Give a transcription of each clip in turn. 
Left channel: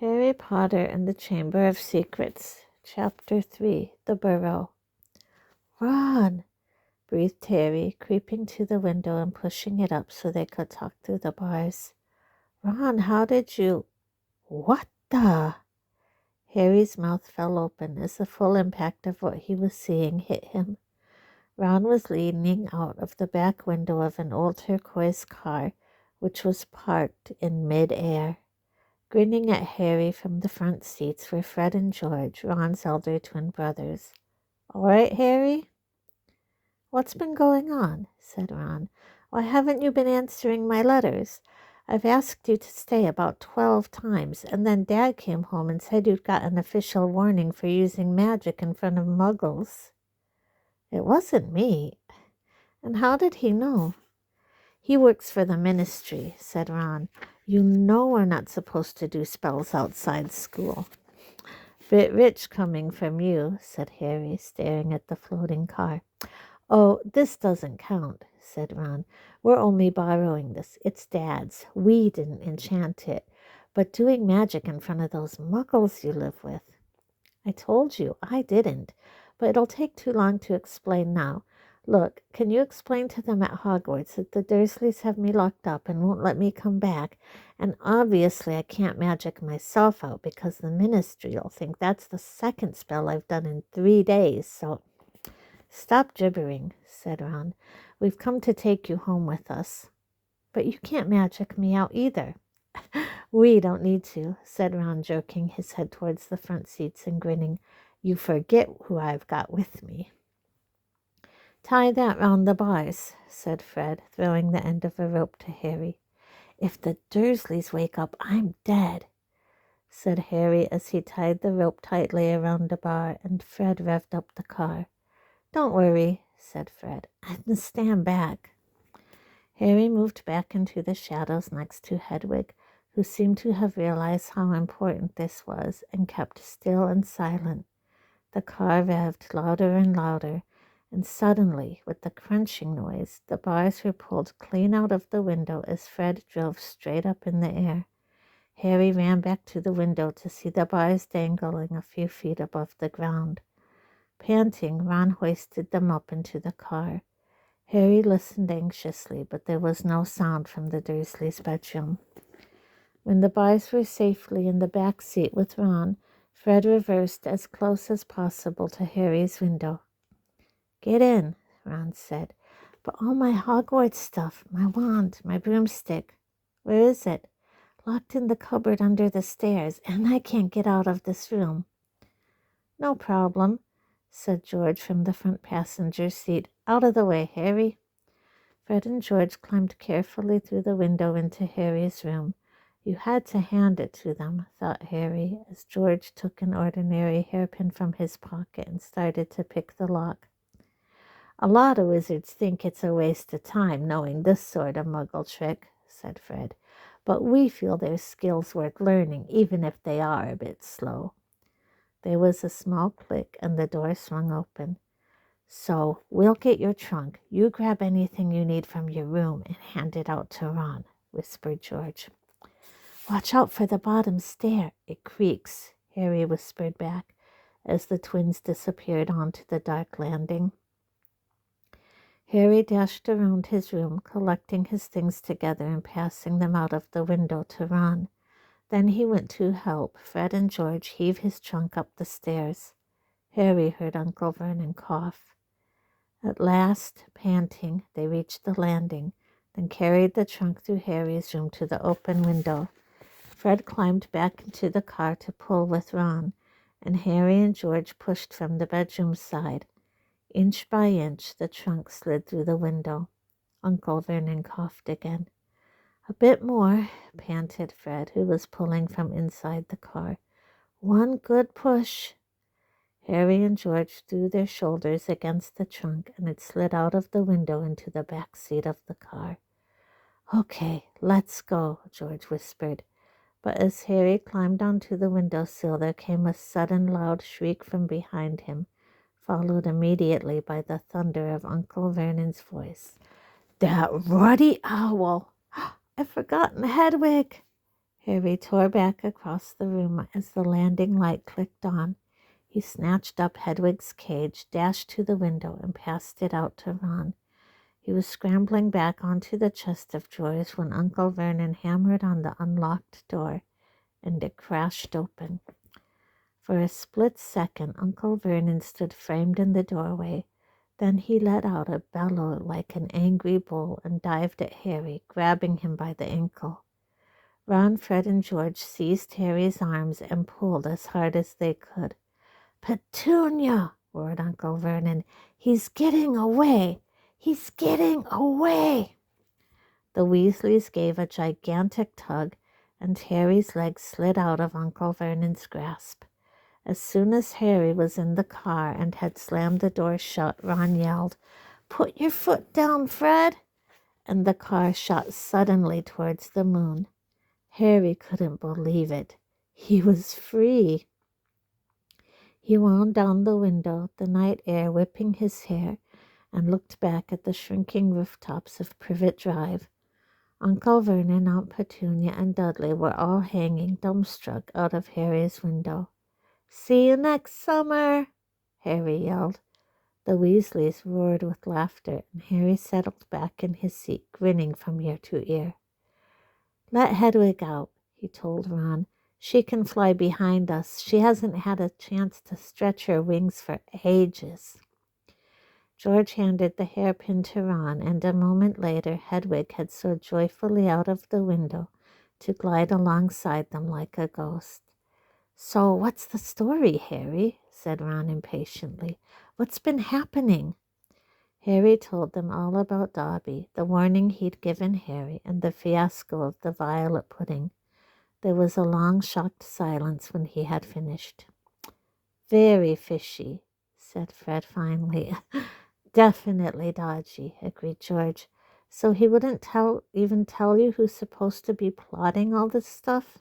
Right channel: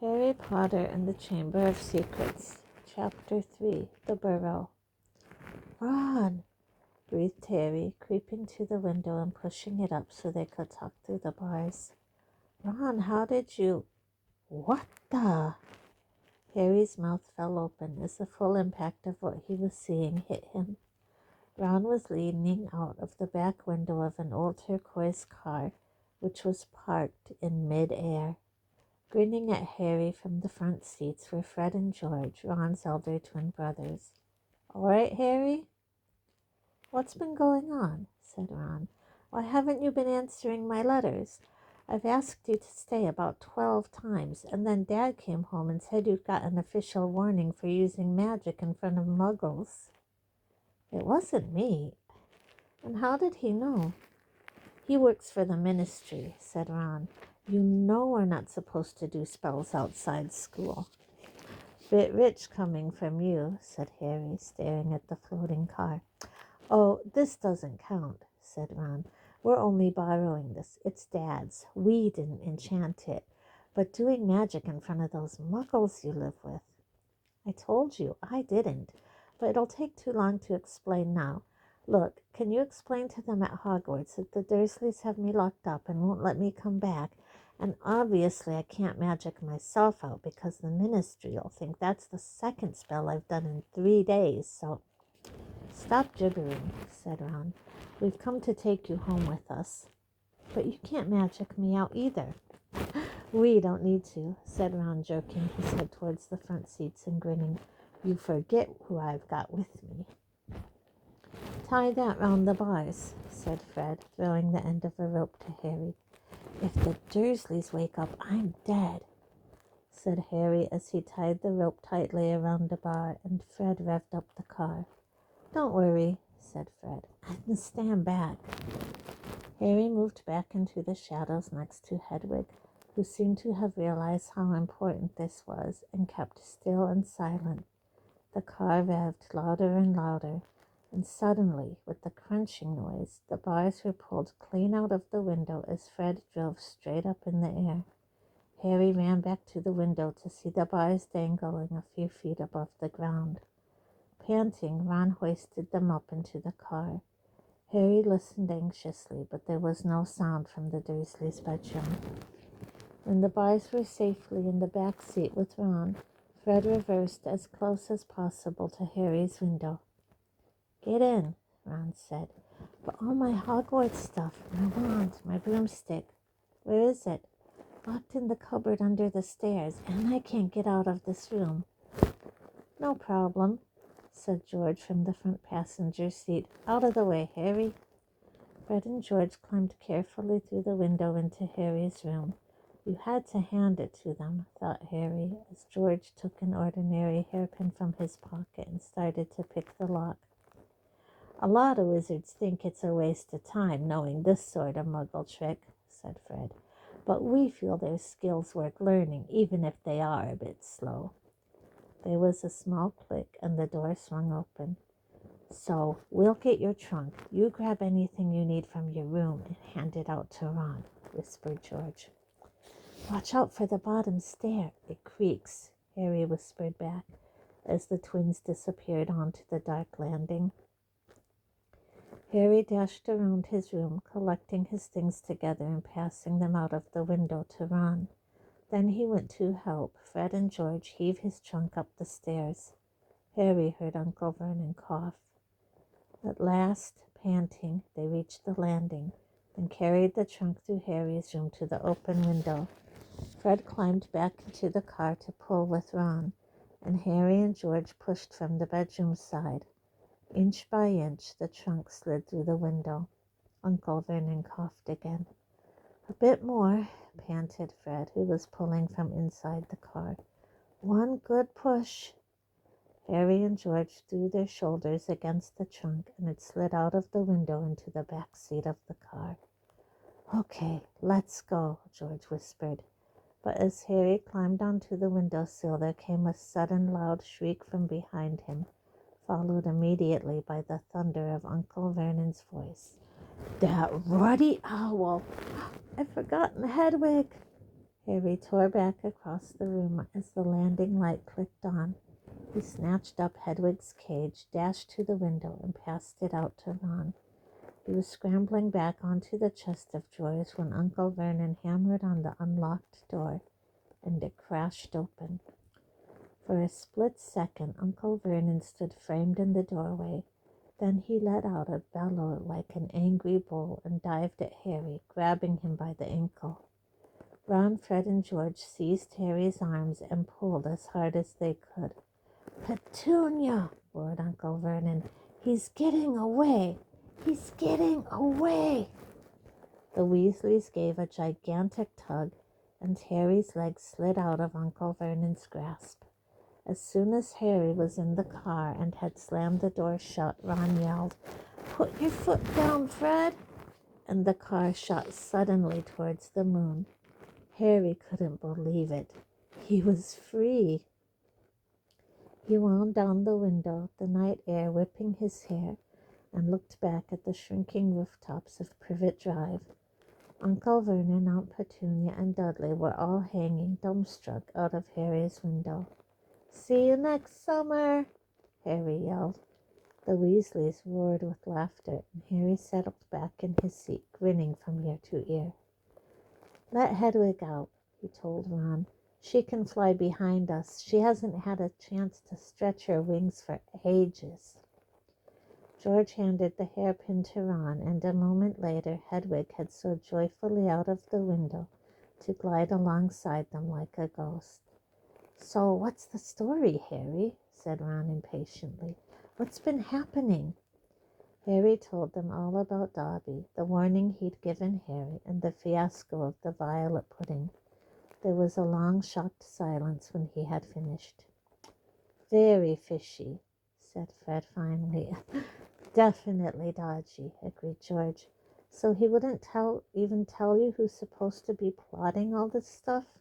Harry Potter and the Chamber of Secrets, Chapter 3, The Burrow. Ron, breathed Harry, creeping to the window and pushing it up so they could talk through the bars. Ron, how did you... What the... Harry's mouth fell open as the full impact of what he was seeing hit him. Ron was leaning out of the back window of an old turquoise car, which was parked in mid-air. Grinning at Harry from the front seats were Fred and George, Ron's elder twin brothers. "All right, Harry?" "What's been going on?" said Ron. "Why haven't you been answering my letters? I've asked you to stay about 12 times, and then Dad came home and said you'd got an official warning for using magic in front of muggles." "It wasn't me." "And how did he know?" "He works for the ministry," said Ron. "You know we're not supposed to do spells outside school." "Bit rich coming from you," said Harry, staring at the floating car. "Oh, this doesn't count," said Ron. "We're only borrowing this. It's Dad's. We didn't enchant it. But doing magic in front of those muggles you live with..." "I told you, I didn't. But it'll take too long to explain now. Look, can you explain to them at Hogwarts that the Dursleys have me locked up and won't let me come back? And obviously I can't magic myself out because the ministry will think that's the second spell I've done in 3 days, so..." "Stop gibbering," said Ron. "We've come to take you home with us." "But you can't magic me out either." "We don't need to," said Ron, jerking his head towards the front seats and grinning. "You forget who I've got with me." "Tie that round the bars," said Fred, throwing the end of a rope to Harry. "If the Dursleys wake up, I'm dead," said Harry as he tied the rope tightly around a bar, and Fred revved up the car. "Don't worry," said Fred. "I can stand back." Harry moved back into the shadows next to Hedwig, who seemed to have realized how important this was and kept still and silent. The car revved louder and louder, and suddenly, with the crunching noise, the bars were pulled clean out of the window as Fred drove straight up in the air. Harry ran back to the window to see the bars dangling a few feet above the ground. Panting, Ron hoisted them up into the car. Harry listened anxiously, but there was no sound from the Dursleys' bedroom. When the bars were safely in the back seat with Ron, Fred reversed as close as possible to Harry's window. "Get in," Ron said. "But all my Hogwarts stuff, my wand, my broomstick..." "Where is it?" "Locked in the cupboard under the stairs, and I can't get out of this room." "No problem," said George from the front passenger seat. "Out of the way, Harry." Fred and George climbed carefully through the window into Harry's room. You had to hand it to them, thought Harry, as George took an ordinary hairpin from his pocket and started to pick the lock. "A lot of wizards think it's a waste of time knowing this sort of muggle trick," said Fred. "But we feel their skills worth learning, even if they are a bit slow." There was a small click and the door swung open. "So, we'll get your trunk. You grab anything you need from your room and hand it out to Ron," whispered George. "Watch out for the bottom stair. It creaks," Harry whispered back as the twins disappeared onto the dark landing. Harry dashed around his room, collecting his things together and passing them out of the window to Ron. Then he went to help Fred and George heave his trunk up the stairs. Harry heard Uncle Vernon cough. At last, panting, they reached the landing, then carried the trunk through Harry's room to the open window. Fred climbed back into the car to pull with Ron, and Harry and George pushed from the bedroom side. Inch by inch, the trunk slid through the window. Uncle Vernon coughed again. "A bit more," panted Fred, who was pulling from inside the car. "One good push." Harry and George threw their shoulders against the trunk, and it slid out of the window into the back seat of the car. "Okay, let's go," George whispered. But as Harry climbed onto the windowsill, there came a sudden loud shriek from behind him, followed immediately by the thunder of Uncle Vernon's voice. "That ruddy owl! I've forgotten Hedwig!" Harry tore back across the room as the landing light clicked on. He snatched up Hedwig's cage, dashed to the window, and passed it out to Ron. He was scrambling back onto the chest of drawers when Uncle Vernon hammered on the unlocked door, and it crashed open. For a split second, Uncle Vernon stood framed in the doorway. Then he let out a bellow like an angry bull and dived at Harry, grabbing him by the ankle. Ron, Fred, and George seized Harry's arms and pulled as hard as they could. "Petunia!" roared Uncle Vernon. "He's getting away! He's getting away!" The Weasleys gave a gigantic tug, and Harry's legs slid out of Uncle Vernon's grasp. As soon as Harry was in the car and had slammed the door shut, Ron yelled, "Put your foot down, Fred!" And the car shot suddenly towards the moon. Harry couldn't believe it. He was free. He wound down the window, the night air whipping his hair, and looked back at the shrinking rooftops of Privet Drive. Uncle Vernon, Aunt Petunia, and Dudley were all hanging dumbstruck out of Harry's window. "See you next summer," Harry yelled. The Weasleys roared with laughter, and Harry settled back in his seat, grinning from ear to ear. "Let Hedwig out," he told Ron. "She can fly behind us. She hasn't had a chance to stretch her wings for ages." George handed the hairpin to Ron, and a moment later Hedwig had soared joyfully out of the window to glide alongside them like a ghost. "So what's the story, Harry?" said Ron impatiently. "What's been happening?" Harry told them all about Dobby, the warning he'd given Harry, and the fiasco of the violet pudding. There was a long, shocked silence when he had finished. "Very fishy," said Fred finally. "Definitely dodgy," agreed George. "So he wouldn't even tell you who's supposed to be plotting all this stuff?"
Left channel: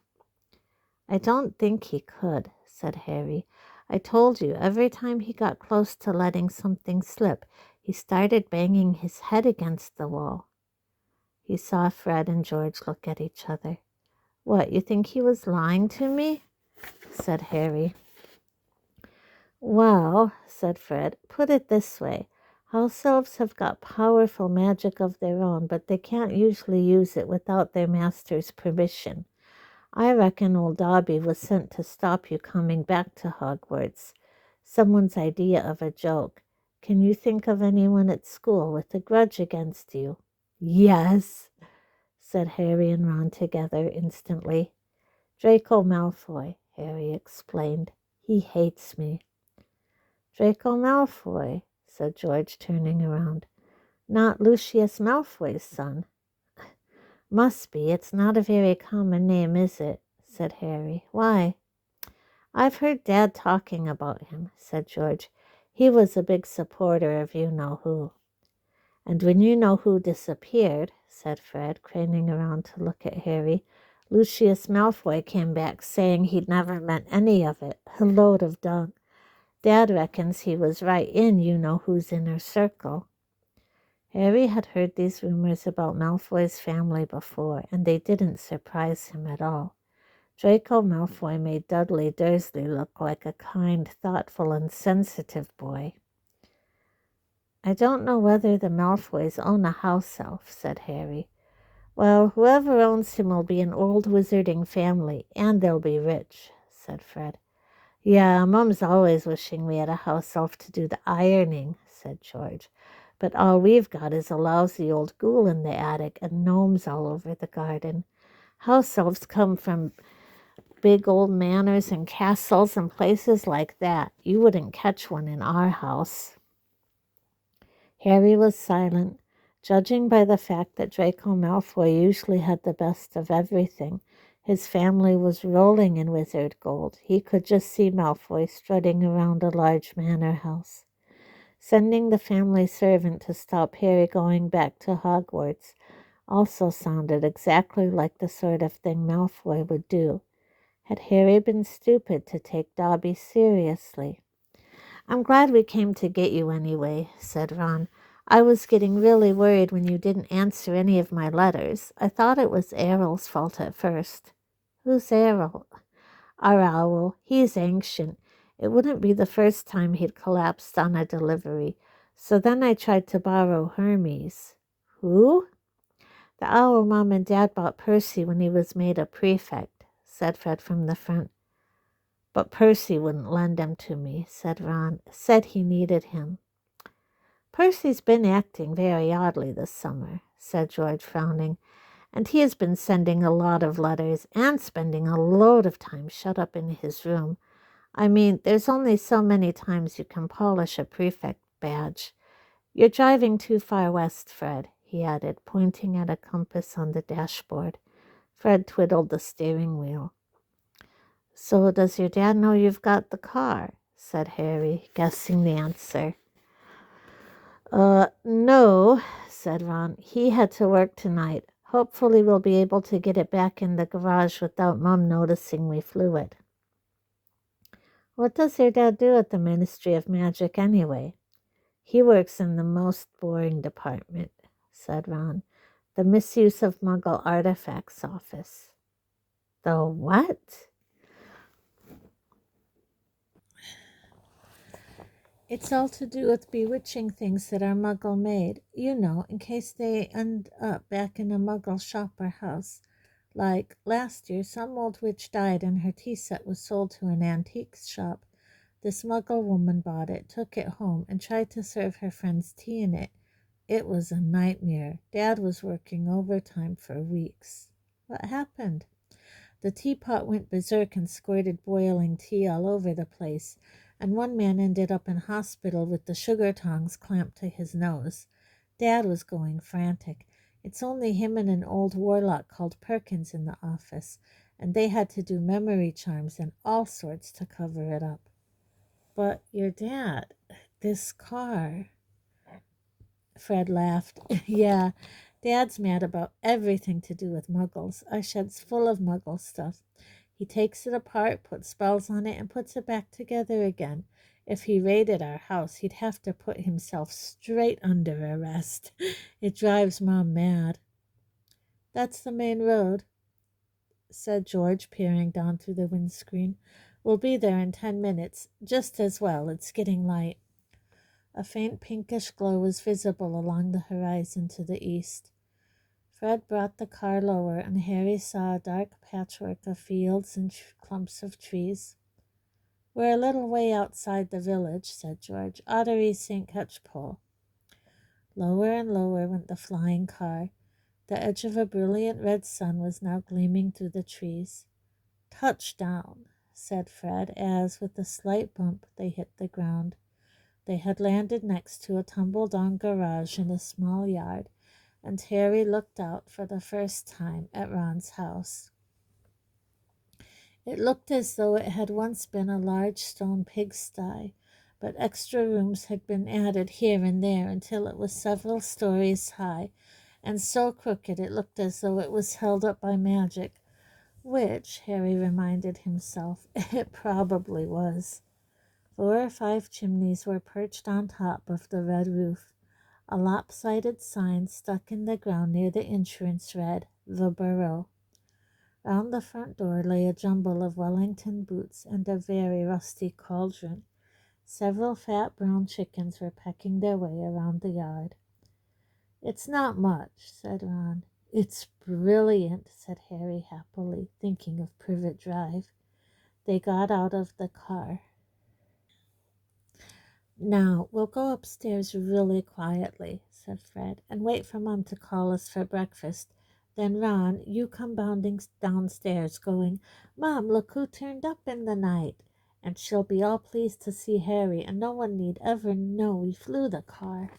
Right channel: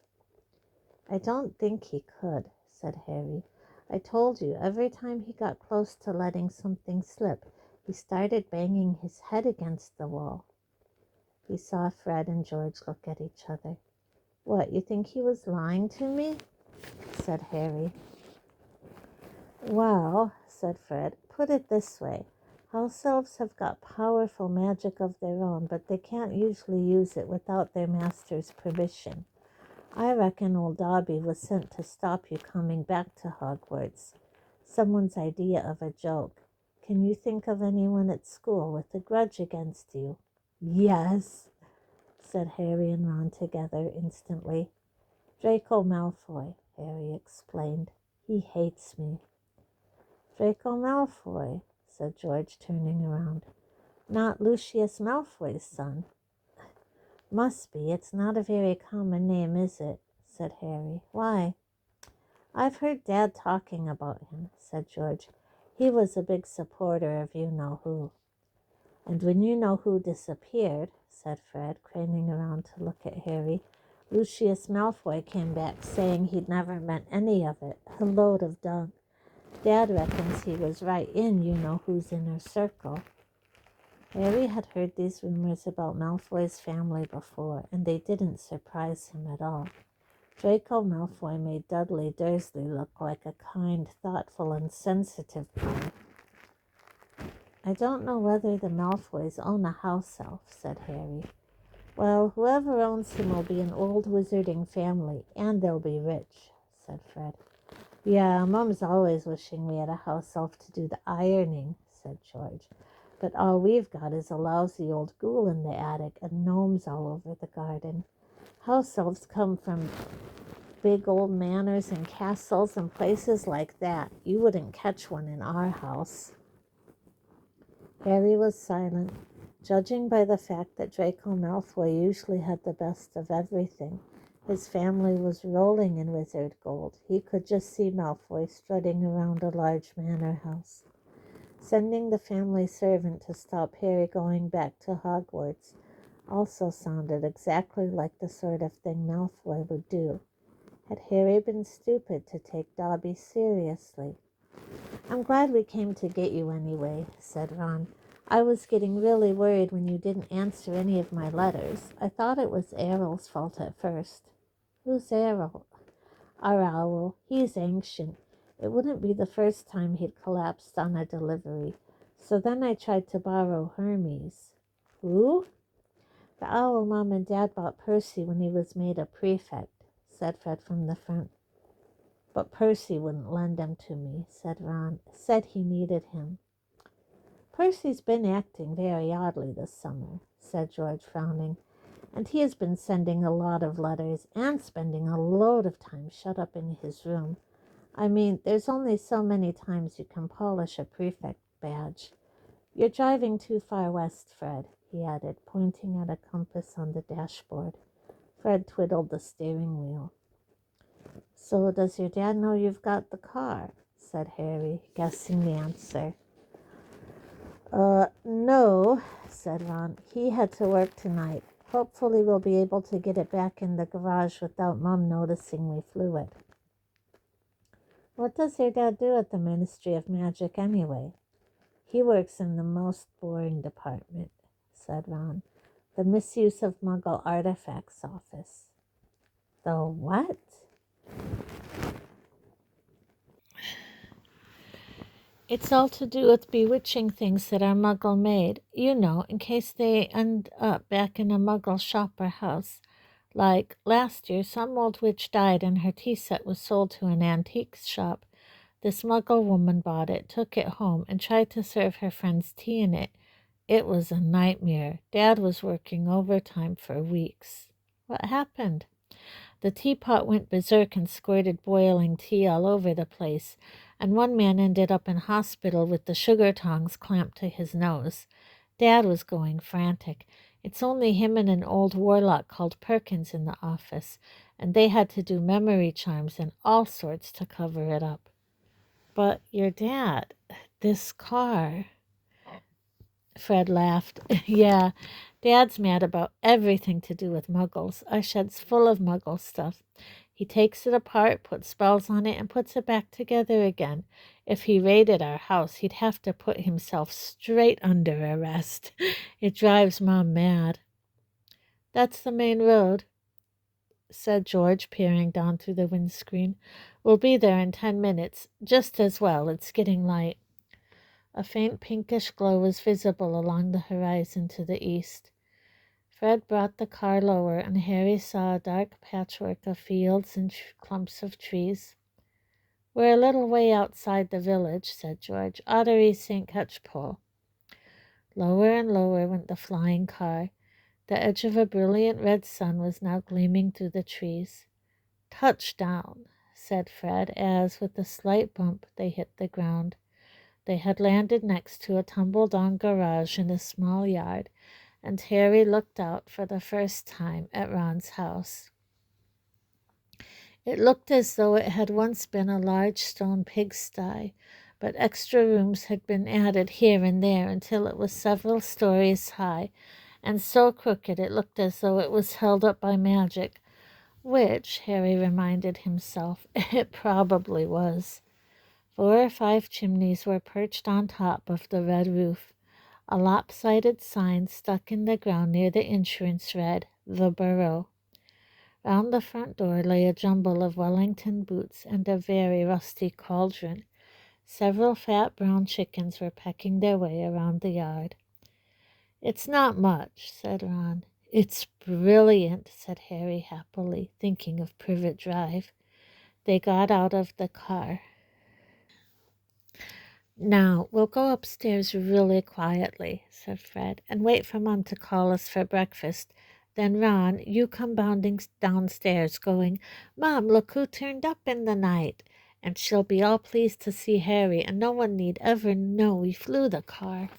"I don't think he could," said Harry. "I told you, every time he got close to letting something slip, he started banging his head against the wall." He saw Fred and George look at each other. "What, you think he was lying to me?" said Harry. "Well," said Fred, "put it this way. House elves have got powerful magic of their own, but they can't usually use it without their master's permission. I reckon old Dobby was sent to stop you coming back to Hogwarts. Someone's idea of a joke. Can you think of anyone at school with a grudge against you?" "Yes," said Harry and Ron together instantly. "Draco Malfoy," Harry explained. "He hates me." "Draco Malfoy," said George, turning around. "Not Lucius Malfoy's son?" "Must be. It's not a very common name, is it?" said Harry. "Why?" "I've heard Dad talking about him," said George. "He was a big supporter of you-know-who." "And when you-know-who disappeared," said Fred, craning around to look at Harry, "Lucius Malfoy came back saying he'd never meant any of it. A load of dung. Dad reckons he was right in you-know-who's inner circle." Harry had heard these rumors about Malfoy's family before, and they didn't surprise him at all. Draco Malfoy made Dudley Dursley look like a kind, thoughtful, and sensitive boy. "I don't know whether the Malfoys own a house elf," said Harry. "Well, whoever owns him will be an old wizarding family, and they'll be rich," said Fred. "Yeah, Mum's always wishing we had a house elf to do the ironing," said George. "But all we've got is a lousy old ghoul in the attic and gnomes all over the garden. House elves come from big old manors and castles and places like that. You wouldn't catch one in our house." Harry was silent. Judging by the fact that Draco Malfoy usually had the best of everything, his family was rolling in wizard gold. He could just see Malfoy strutting around a large manor house. Sending the family servant to stop Harry going back to Hogwarts also sounded exactly like the sort of thing Malfoy would do. Had Harry been stupid to take Dobby seriously? "I'm glad we came to get you anyway," said Ron. "I was getting really worried when you didn't answer any of my letters. I thought it was Errol's fault at first." Who's Errol? Our owl. He's ancient. It wouldn't be the first time he'd collapsed on a delivery. So then I tried to borrow Hermes. Who? The owl Mom and Dad bought Percy when he was made a prefect, said Fred from the front. But Percy wouldn't lend him to me, said Ron. Said he needed him. Percy's been acting very oddly this summer, said George, frowning, and he has been sending a lot of letters and spending a load of time shut up in his room. I mean, there's only so many times you can polish a prefect badge. You're driving too far west, Fred, he added, pointing at a compass on the dashboard. Fred twiddled the steering wheel. So does your dad know you've got the car? Said Harry, guessing the answer. No, said Ron. He had to work tonight. Hopefully we'll be able to get it back in the garage without Mom noticing we flew it. What does your dad do at the Ministry of Magic anyway? He works in the most boring department, said Ron. The Misuse of Muggle Artifacts office. The what? It's all to do with bewitching things that are Muggle made, you know, in case they end up back in a Muggle shop or house. Like last year, some old witch died and her tea set was sold to an antique shop. This Muggle woman bought it, took it home, and tried to serve her friends tea in it. It was a nightmare. Dad was working overtime for weeks. What happened? The teapot went berserk and squirted boiling tea all over the place, and one man ended up in hospital with the sugar tongs clamped to his nose. Dad was going frantic. It's only him and an old warlock called Perkins in the office, and they had to do memory charms and all sorts to cover it up. But your dad, this car... Fred laughed. Yeah, Dad's mad about everything to do with Muggles. Our shed's full of Muggle stuff. He takes it apart, puts spells on it, and puts it back together again. If he raided our house, he'd have to put himself straight under arrest. It drives Mom mad. That's the main road, said George, peering down through the windscreen. We'll be there in 10 minutes. Just as well. It's getting light. A faint pinkish glow was visible along the horizon to the east. Fred brought the car lower, and Harry saw a dark patchwork of fields and clumps of trees. We're a little way outside the village, said George. Ottery St. Catchpole. Lower and lower went the flying car. The edge of a brilliant red sun was now gleaming through the trees. Touchdown, said Fred, as, with a slight bump, they hit the ground. They had landed next to a tumble-down garage in a small yard, and Harry looked out for the first time at Ron's house. It looked as though it had once been a large stone pigsty, but extra rooms had been added here and there until it was several stories high, and so crooked it looked as though it was held up by magic, which, Harry reminded himself, it probably was. 4 or 5 chimneys were perched on top of the red roof. A lopsided sign stuck in the ground near the entrance read, "The Burrow." Round the front door lay a jumble of Wellington boots and a very rusty cauldron. Several fat brown chickens were pecking their way around the yard. "It's not much," said Ron. "It's brilliant," said Harry happily, thinking of Privet Drive. They got out of the car. "Now, we'll go upstairs really quietly," said Fred, "and wait for Mom to call us for breakfast. Then, Ron, you come bounding downstairs, going, 'Mom, look who turned up in the night.' And she'll be all pleased to see Harry, and no one need ever know we flew the car."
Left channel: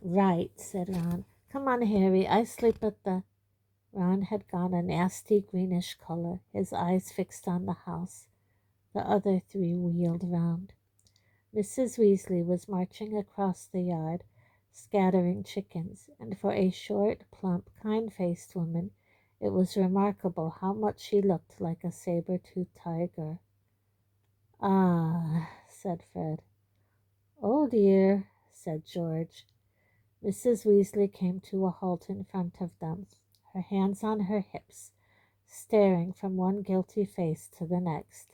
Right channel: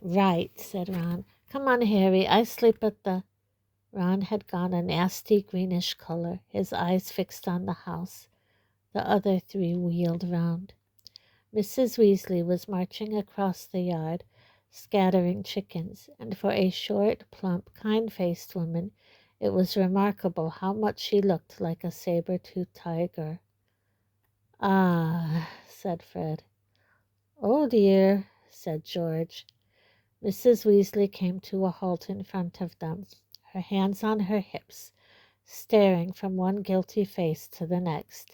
"Right," said Ron. "Come on, Harry, I sleep at the—" Ron had gone a nasty greenish color, his eyes fixed on the house. The other 3 wheeled round. Mrs. Weasley was marching across the yard, scattering chickens, and for a short, plump, kind-faced woman, it was remarkable how much she looked like a saber-toothed tiger. "Ah," said Fred. "Oh, dear," said George. Mrs. Weasley came to a halt in front of them, her hands on her hips, staring from one guilty face to the next.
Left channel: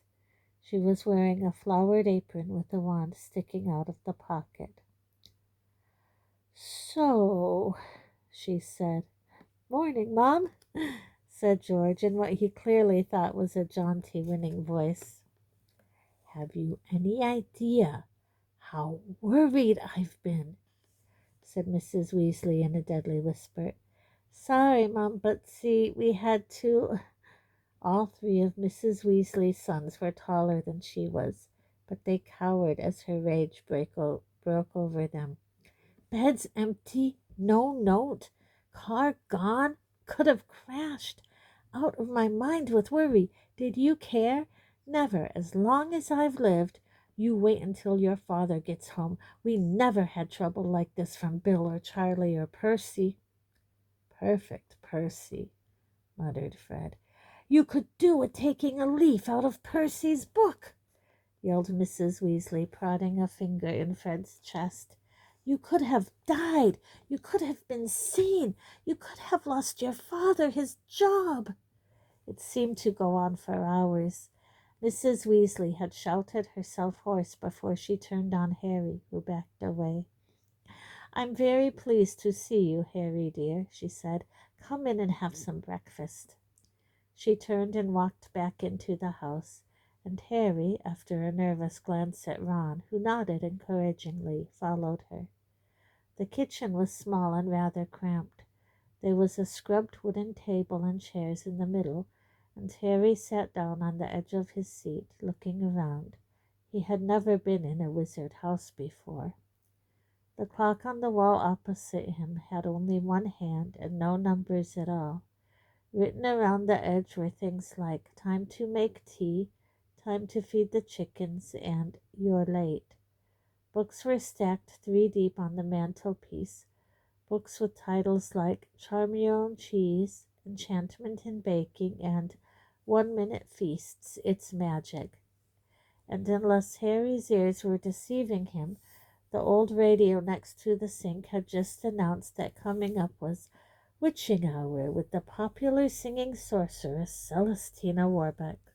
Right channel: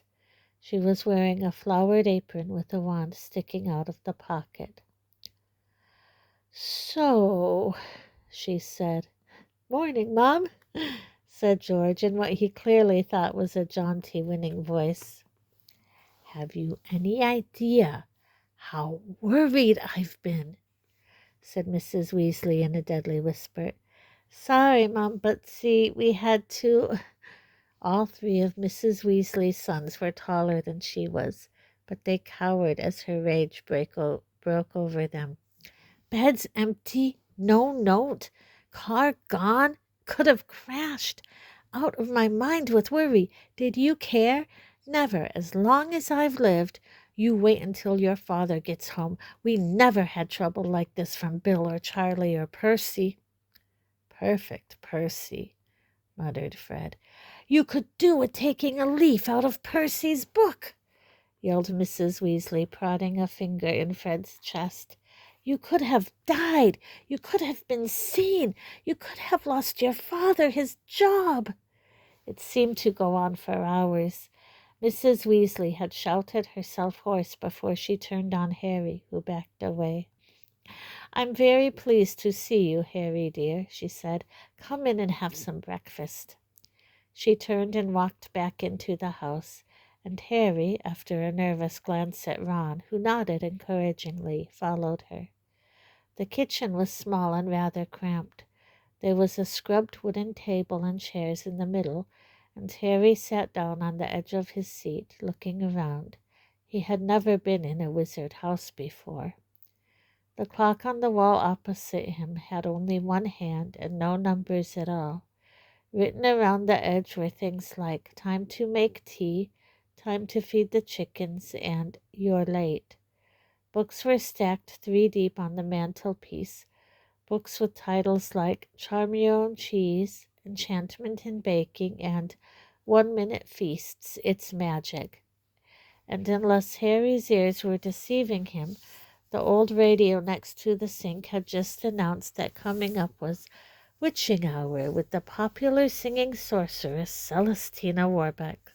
She was wearing a flowered apron with a wand sticking out of the pocket. "So," she said. "Morning, Mom," said George in what he clearly thought was a jaunty, winning voice. "Have you any idea how worried I've been?" said Mrs. Weasley in a deadly whisper. "Sorry, Mom, but see, we had to—" All three of Mrs. Weasley's sons were taller than she was, but they cowered as her rage broke over them. "Bed's empty, no note, car gone, could have crashed. Out of my mind with worry. Did you care? Never, as long as I've lived. You wait until your father gets home. We never had trouble like this from Bill or Charlie or Percy." "Perfect Percy," muttered Fred. "You could do with taking a leaf out of Percy's book," yelled Mrs. Weasley, prodding a finger in Fred's chest. "You could have died. You could have been seen. You could have lost your father, his job." It seemed to go on for hours. Mrs. Weasley had shouted herself hoarse before she turned on Harry, who backed away. "I'm very pleased to see you, Harry dear," she said. "Come in and have some breakfast." She turned and walked back into the house, and Harry, after a nervous glance at Ron, who nodded encouragingly, followed her. The kitchen was small and rather cramped. There was a scrubbed wooden table and chairs in the middle, and Harry sat down on the edge of his seat, looking around. He had never been in a wizard house before. The clock on the wall opposite him had only one hand and no numbers at all. Written around the edge were things like "Time to make tea," "Time to feed the chickens," and "You're late." Books were stacked 3 deep on the mantelpiece, books with titles like "Charm Your Own Cheese," "Enchantment in Baking," and "1-Minute Feasts, It's Magic." And unless Harry's ears were deceiving him, the old radio next to the sink had just announced that coming up was Witching Hour with the popular singing sorceress Celestina Warbeck.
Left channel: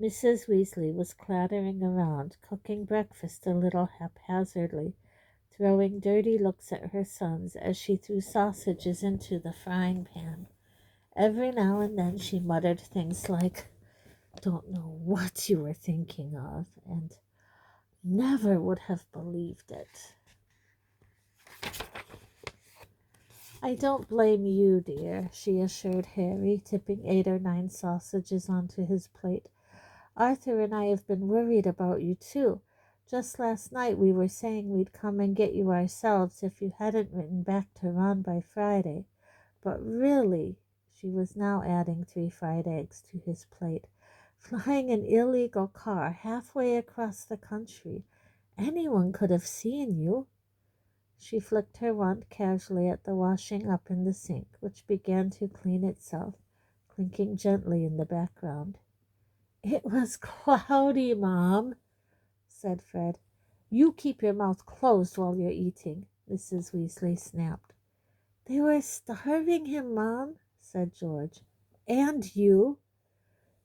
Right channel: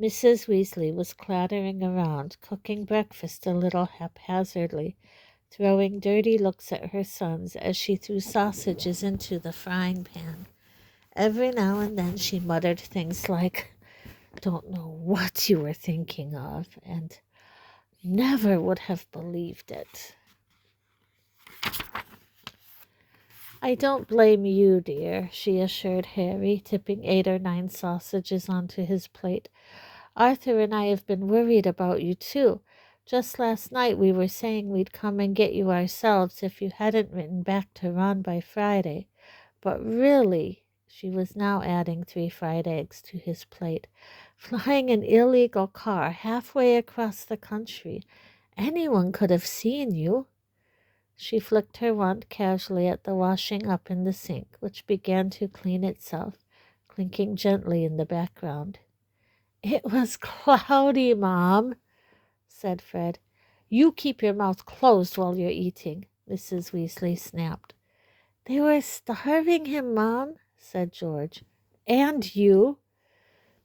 Mrs. Weasley was clattering around, cooking breakfast a little haphazardly, throwing dirty looks at her sons as she threw sausages into the frying pan. Every now and then she muttered things like, "Don't know what you were thinking of," and "Never would have believed it." "I don't blame you, dear," she assured Harry, tipping 8 or 9 sausages onto his plate. "Arthur and I have been worried about you, too. Just last night we were saying we'd come and get you ourselves if you hadn't written back to Ron by Friday. But really," she was now adding 3 fried eggs to his plate, "flying an illegal car halfway across the country. Anyone could have seen you." She flicked her wand casually at the washing up in the sink, which began to clean itself, clinking gently in the background. "It was cloudy, Mom," said Fred. "You keep your mouth closed while you're eating," Mrs. Weasley snapped. "They were starving him, Mom," said George. "And you,"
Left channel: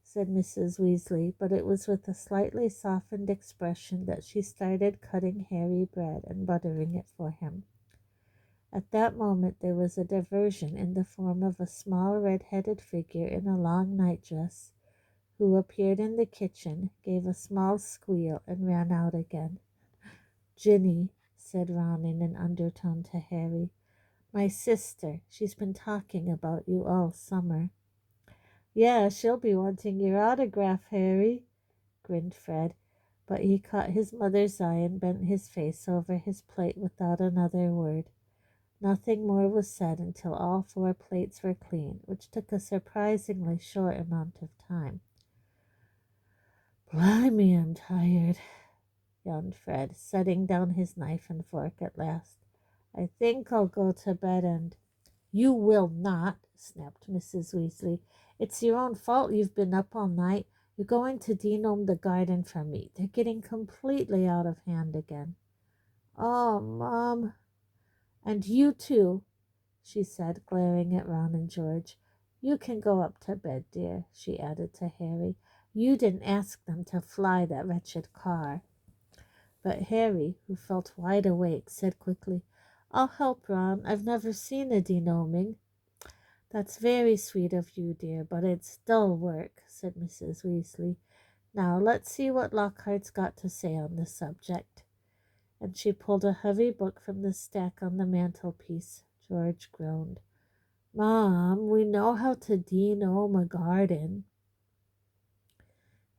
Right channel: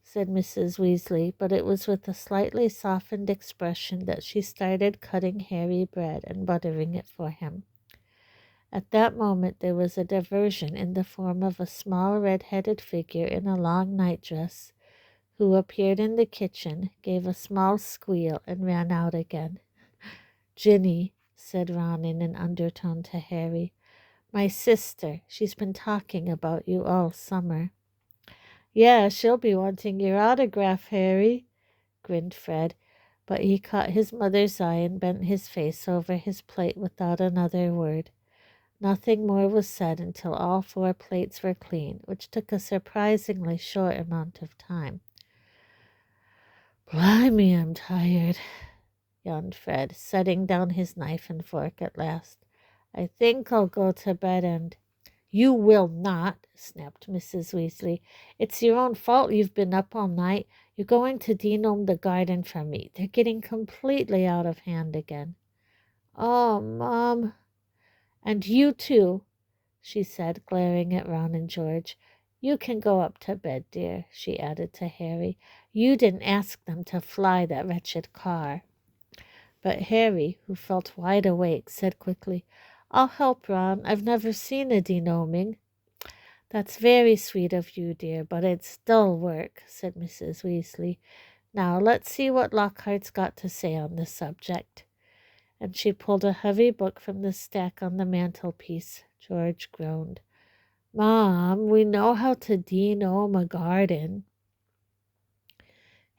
said Mrs. Weasley, but it was with a slightly softened expression that she started cutting Harry bread and buttering it for him. At that moment there was a diversion in the form of a small red-headed figure in a long nightdress, who appeared in the kitchen, gave a small squeal, and ran out again. "Ginny," said Ron in an undertone to Harry, "my sister. She's been talking about you all summer." "Yeah, she'll be wanting your autograph, Harry," grinned Fred, but he caught his mother's eye and bent his face over his plate without another word. Nothing more was said until all 4 plates were clean, which took a surprisingly short amount of time. "Blimey, I'm tired," yawned Fred, setting down his knife and fork at last. "I think I'll go to bed and—" "You will not," snapped Mrs. Weasley. "It's your own fault you've been up all night. You're going to denome the garden for me. They're getting completely out of hand again." "Oh, Mom." "And you too," she said, glaring at Ron and George. You can go up to bed, dear, she added to Harry. You didn't ask them to fly that wretched car. But Harry, who felt wide awake, said quickly, I'll help, Ron. I've never seen a denoming. That's very sweet of you, dear, but it's dull work, said Mrs. Weasley. Now let's see what Lockhart's got to say on the subject. And she pulled a heavy book from the stack on the mantelpiece. George groaned. Mom, we know how to denome a garden.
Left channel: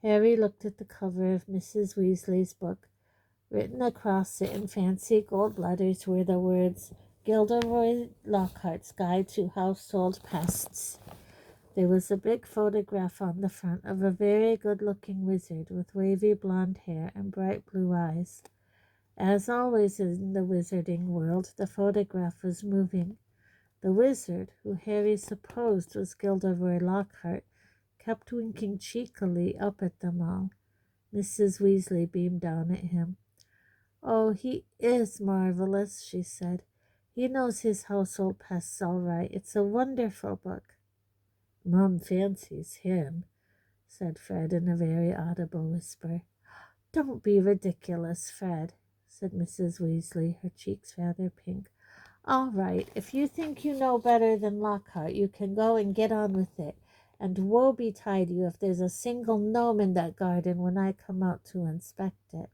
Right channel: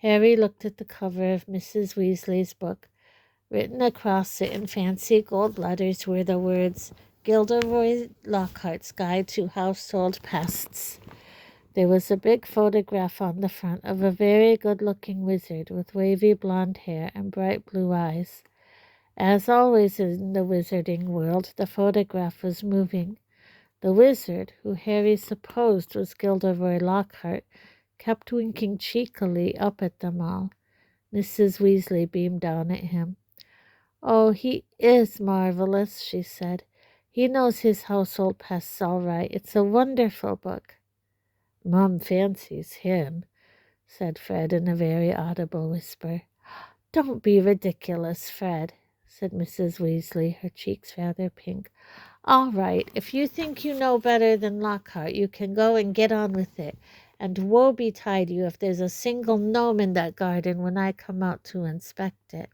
Harry looked at the cover of Mrs. Weasley's book. Written across it in fancy gold letters were the words, Gilderoy Lockhart's Guide to Household Pests. There was a big photograph on the front of a very good-looking wizard with wavy blonde hair and bright blue eyes. As always in the wizarding world, the photograph was moving. The wizard, who Harry supposed was Gilderoy Lockhart, kept winking cheekily up at them all. Mrs. Weasley beamed down at him. Oh, he is marvelous, she said. He knows his household pests all right. It's a wonderful book. Mum fancies him, said Fred in a very audible whisper. Don't be ridiculous, Fred, said Mrs. Weasley, her cheeks rather pink. All right, if you think you know better than Lockhart, you can go and get on with it. And woe betide you if there's a single gnome in that garden when I come out to inspect it.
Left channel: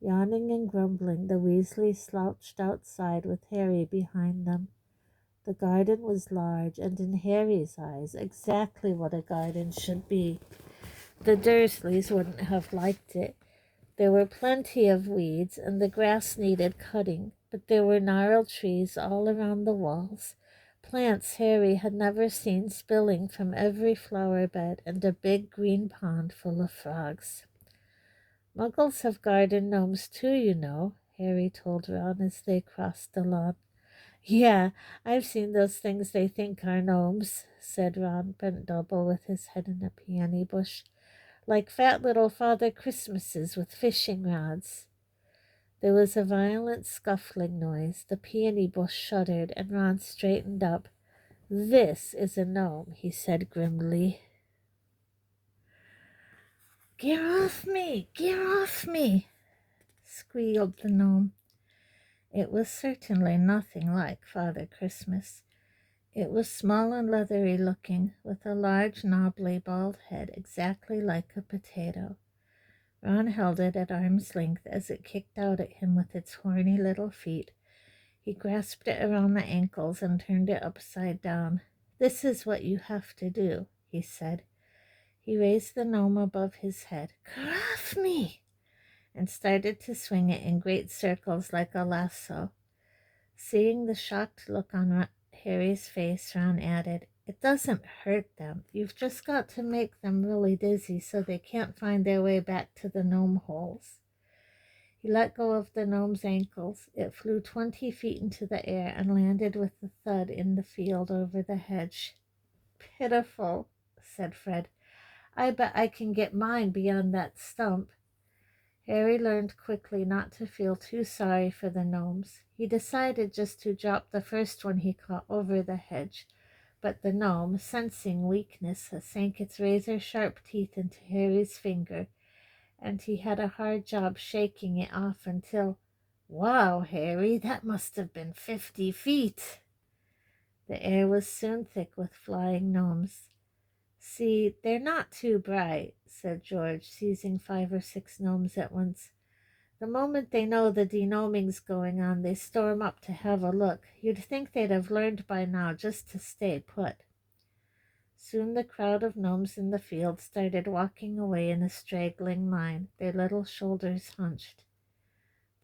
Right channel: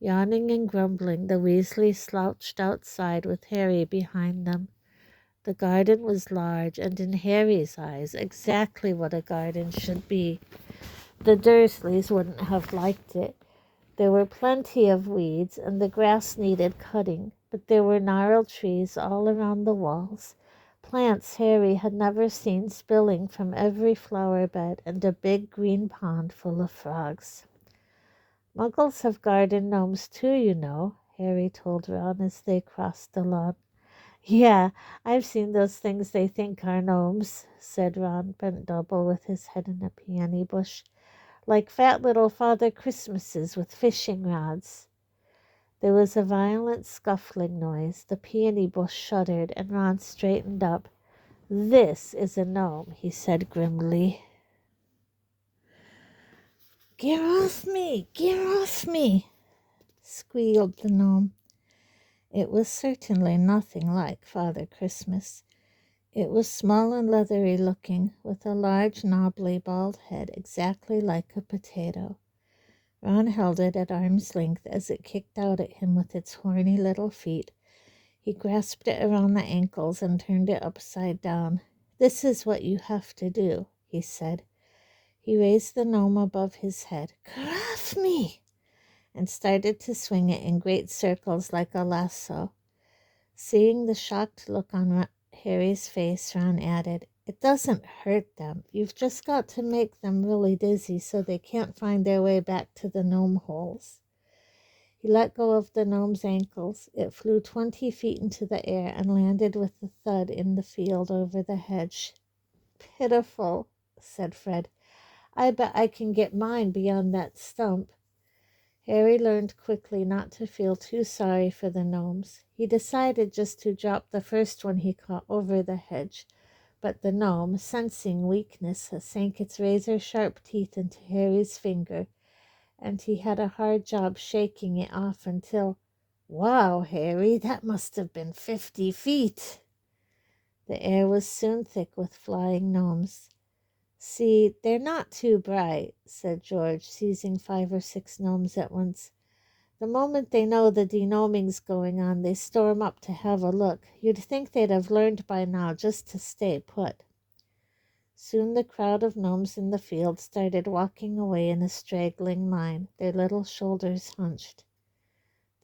Yawning and grumbling, the Weasleys slouched outside with Harry behind them. The garden was large, and in Harry's eyes, exactly what a garden should be. The Dursleys wouldn't have liked it. There were plenty of weeds, and the grass needed cutting, but there were gnarled trees all around the walls, plants Harry had never seen spilling from every flower bed, and a big green pond full of frogs. Muggles have garden gnomes too, you know, Harry told Ron as they crossed the lawn. Yeah, I've seen those things they think are gnomes, said Ron, bent double with his head in a peony bush, like fat little Father Christmases with fishing rods. There was a violent scuffling noise. The peony bush shuddered, and Ron straightened up. This is a gnome, he said grimly. Get off me! Get off me! Squealed the gnome. It was certainly nothing like Father Christmas. It was small and leathery looking, with a large, knobbly, bald head exactly like a potato. Ron held it at arm's length as it kicked out at him with its horny little feet. He grasped it around the ankles and turned it upside down. This is what you have to do, he said. He raised the gnome above his head. Get off me! And started to swing it in great circles like a lasso. Seeing the shocked look on Harry's face, Ron added, It doesn't hurt them. You've just got to make them really dizzy so they can't find their way back to the gnome holes. He let go of the gnome's ankles. It flew 20 feet into the air and landed with a thud in the field over the hedge. Pitiful, said Fred. I bet I can get mine beyond that stump. Harry learned quickly not to feel too sorry for the gnomes. He decided just to drop the first one he caught over the hedge, but the gnome, sensing weakness, sank its razor-sharp teeth into Harry's finger, and he had a hard job shaking it off until, Wow, Harry, that must have been 50 feet. The air was soon thick with flying gnomes. See, they're not too bright, said George, seizing 5 or 6 gnomes at once. The moment they know the denoming's going on, they storm up to have a look. You'd think they'd have learned by now just to stay put. Soon the crowd of gnomes in the field started walking away in a straggling line, their little shoulders hunched.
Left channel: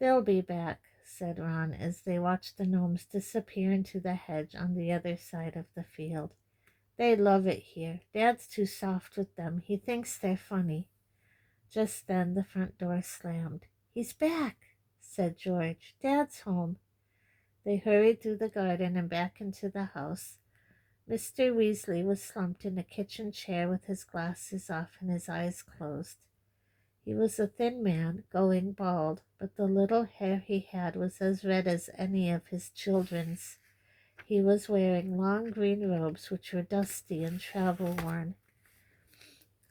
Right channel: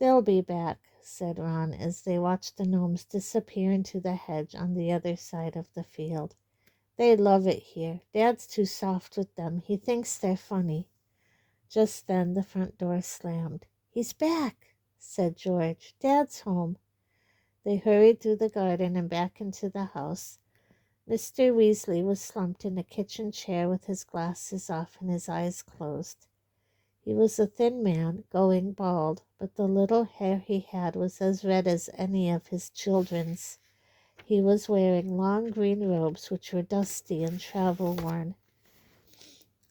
They'll be back, said Ron, as they watched the gnomes disappear into the hedge on the other side of the field. They love it here. Dad's too soft with them. He thinks they're funny. Just then the front door slammed. He's back, said George. Dad's home. They hurried through the garden and back into the house. Mr. Weasley was slumped in a kitchen chair with his glasses off and his eyes closed. He was a thin man, going bald, but the little hair he had was as red as any of his children's. He was wearing long green robes which were dusty and travel-worn.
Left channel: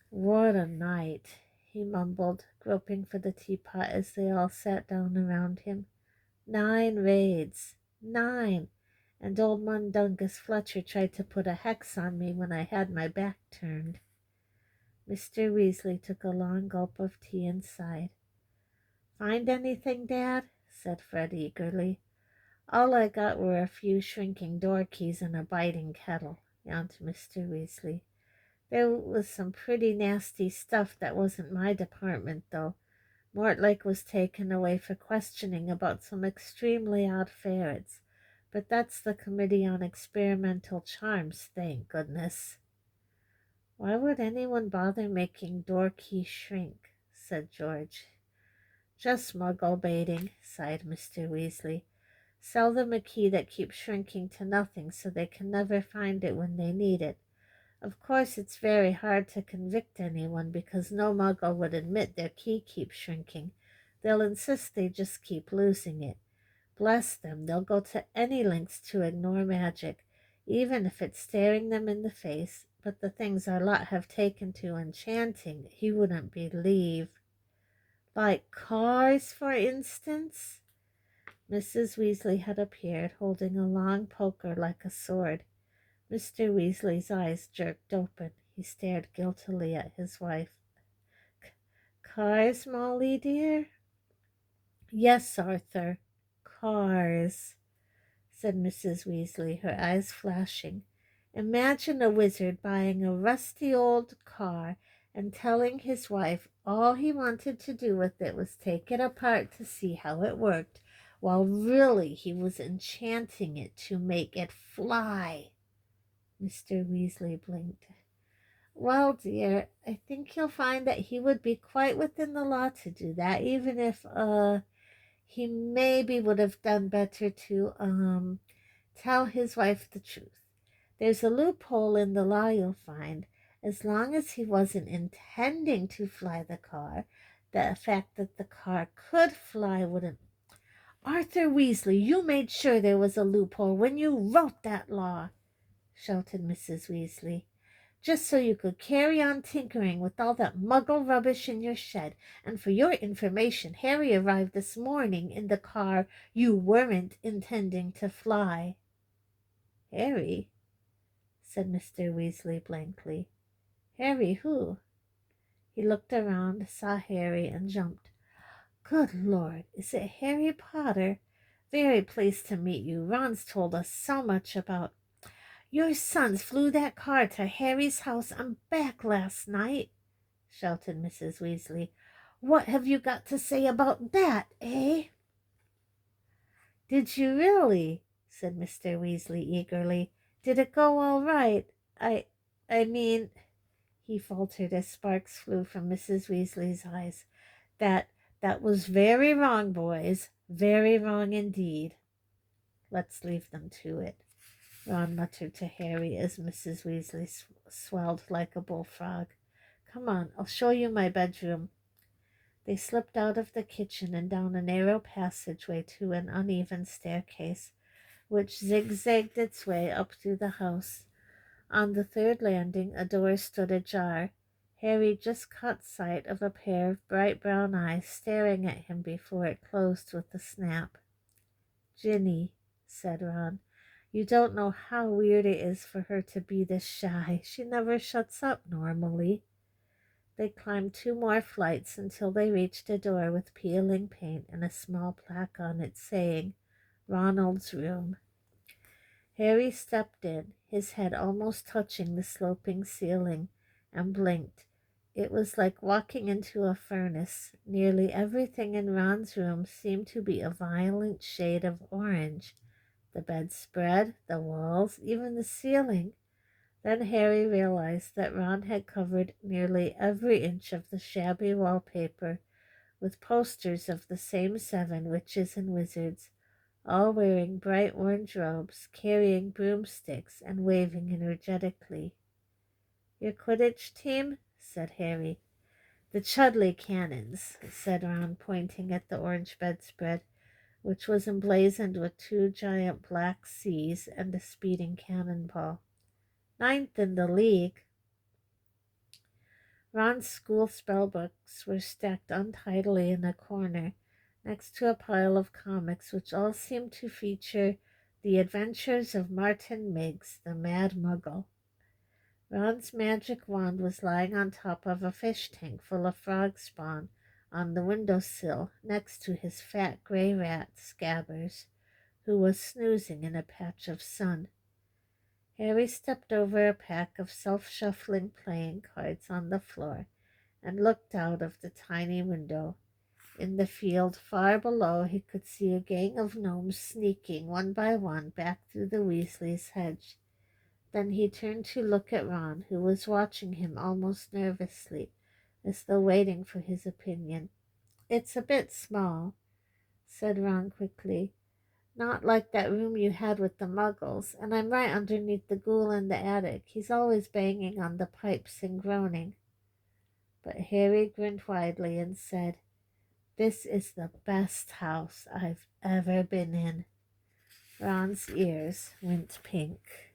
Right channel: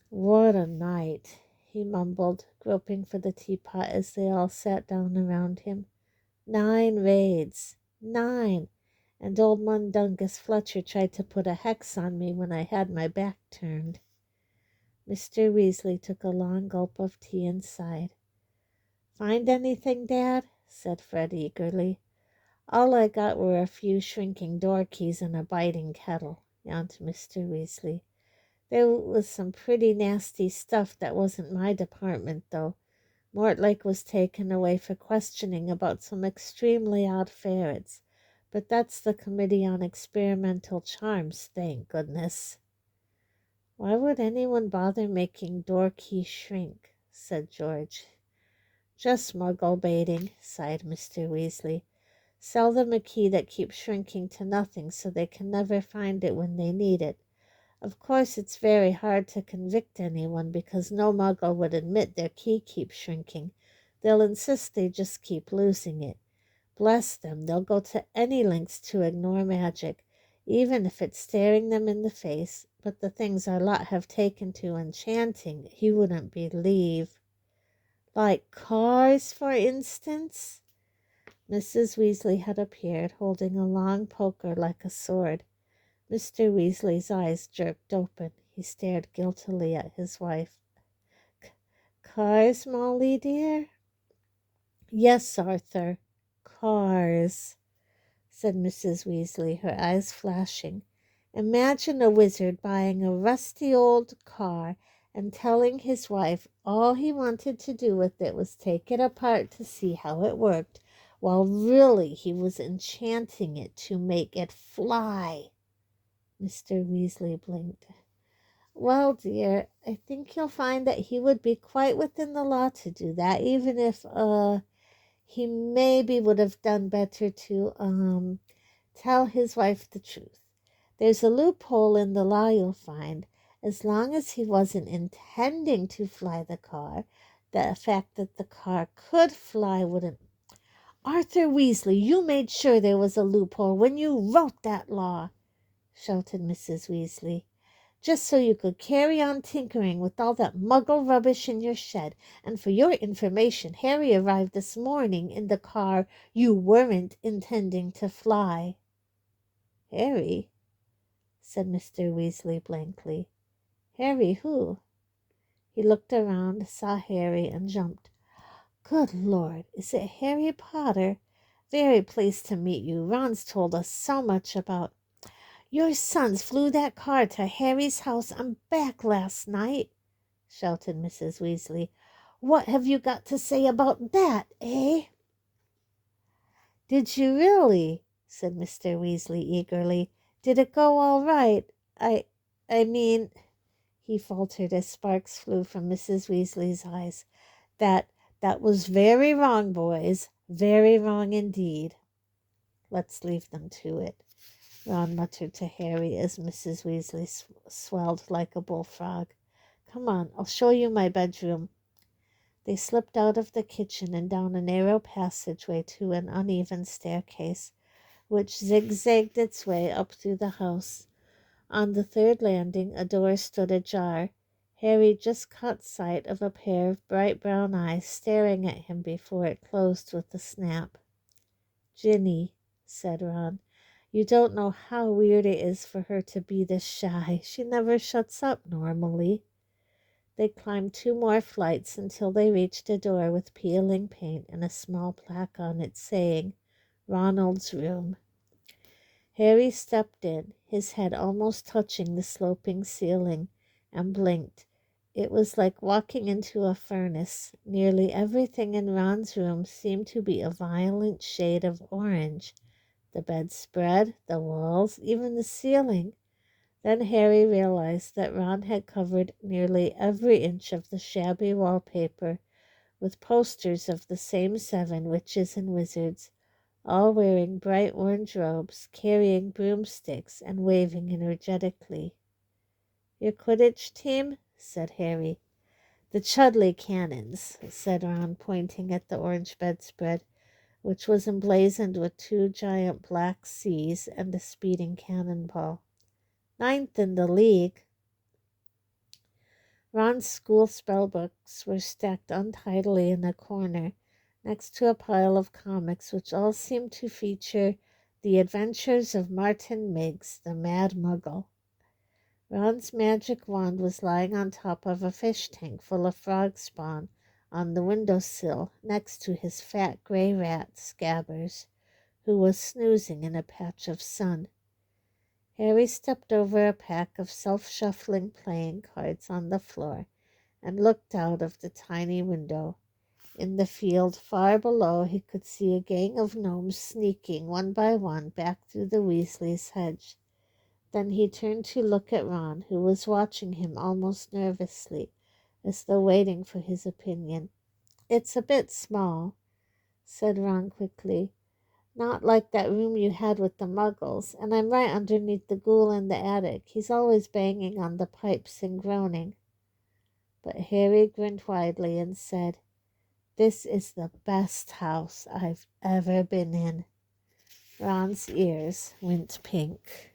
"What a night," he mumbled, groping for the teapot as they all sat down around him. 9 raids. 9! And old Mundungus Fletcher tried to put a hex on me when I had my back turned. Mr. Weasley took a long gulp of tea and sighed. "Find anything, Dad?" said Fred eagerly. "All I got were a few shrinking door keys and a biting kettle," yawned Mr. Weasley. "There was some pretty nasty stuff that wasn't my department, though. Mortlake was taken away for questioning about some extremely odd ferrets, but that's the Committee on Experimental Charms, thank goodness." "Why would anyone bother making door keys shrink?" said George. "Just muggle baiting," sighed Mr. Weasley. "Sell them a key that keeps shrinking to nothing so they can never find it when they need it. Of course, it's very hard to convict anyone because no muggle would admit their key keeps shrinking. They'll insist they just keep losing it. Bless them, they'll go to any lengths to ignore magic, even if it's staring them in the face. But the things our lot have taken to enchanting, you wouldn't believe." "Like cars, for instance?" Mrs. Weasley had appeared, holding a long poker like a sword. Mr. Weasley's eyes jerked open. He stared guiltily at his wife. "Cars, Molly dear?" "Yes, Arthur, cars," said Mrs. Weasley, her eyes flashing. "Imagine a wizard buying a rusty old car and telling his wife all he wanted to do with it was take it apart to see how it worked, while really he was enchanting it to make it fly." Mr. Weasley blinked. "Well, dear, I think you'll find that he would be quite within the law to do that, even if, he maybe would have done better to, tell his wife the truth. There's a loophole in the law, you'll find. As long as he wasn't intending to fly the car, the fact that the car could fly wouldn't—" "Arthur Weasley, you made sure there was a loophole when you wrote that law," shouted Mrs. Weasley, "just so you could carry on tinkering with all that muggle rubbish in your shed. And for your information, Harry arrived this morning in the car you weren't intending to fly." "Harry?" said Mr. Weasley blankly. "Harry who?" He looked around, saw Harry, and jumped. "Good Lord, is it Harry Potter? Very pleased to meet you. Ron's told us so much about—" "Your sons flew that car to Harry's house and back last night," shouted Mrs. Weasley. "What have you got to say about that, eh?" "Did you really?" said Mr. Weasley eagerly. "Did it go all right? I mean," he faltered as sparks flew from Mrs. Weasley's eyes, that was very wrong, boys, very wrong indeed." "Let's leave them to it," Ron muttered to Harry as Mrs. Weasley swelled like a bullfrog. "Come on, I'll show you my bedroom." They slipped out of the kitchen and down a narrow passageway to an uneven staircase, which zigzagged its way up through the house. On the third landing, a door stood ajar. Harry just caught sight of a pair of bright brown eyes staring at him before it closed with a snap. "Ginny," said Ron, "you don't know how weird it is for her to be this shy. She never shuts up normally." They climbed 2 more flights until they reached a door with peeling paint and a small plaque on it saying, "Ronald's room." Harry stepped in, his head almost touching the sloping ceiling, and blinked. It was like walking into a furnace. Nearly everything in Ron's room seemed to be a violent shade of orange. The bedspread, the walls, even the ceiling. Then Harry realized that Ron had covered nearly every inch of the shabby wallpaper with posters of the same 7 witches and wizards, all wearing bright orange robes, carrying broomsticks, and waving energetically. "Your Quidditch team?" said Harry. "The Chudley Cannons," said Ron, pointing at the orange bedspread. which was emblazoned with two giant black C's and a speeding cannonball. Ninth in the league. Ron's school spellbooks were stacked untidily in a corner next to a pile of comics which all seemed to feature the adventures of Martin Miggs, the Mad Muggle. Ron's magic wand was lying on top of a fish tank full of frog spawn on the windowsill next to his fat gray rat, Scabbers, who was snoozing in a patch of sun. Harry stepped over a pack of self-shuffling playing cards on the floor and looked out of the tiny window. In the field far below, he could see a gang of gnomes sneaking one by one back through the Weasleys' hedge. Then he turned to look at Ron, who was watching him almost nervously, as though waiting for his opinion. "It's a bit small," said Ron quickly. "Not like that room you had with the Muggles, and I'm right underneath the ghoul in the attic. He's always banging on the pipes and groaning." But Harry grinned widely and said, "This is the best house I've ever been in." Ron's ears went pink.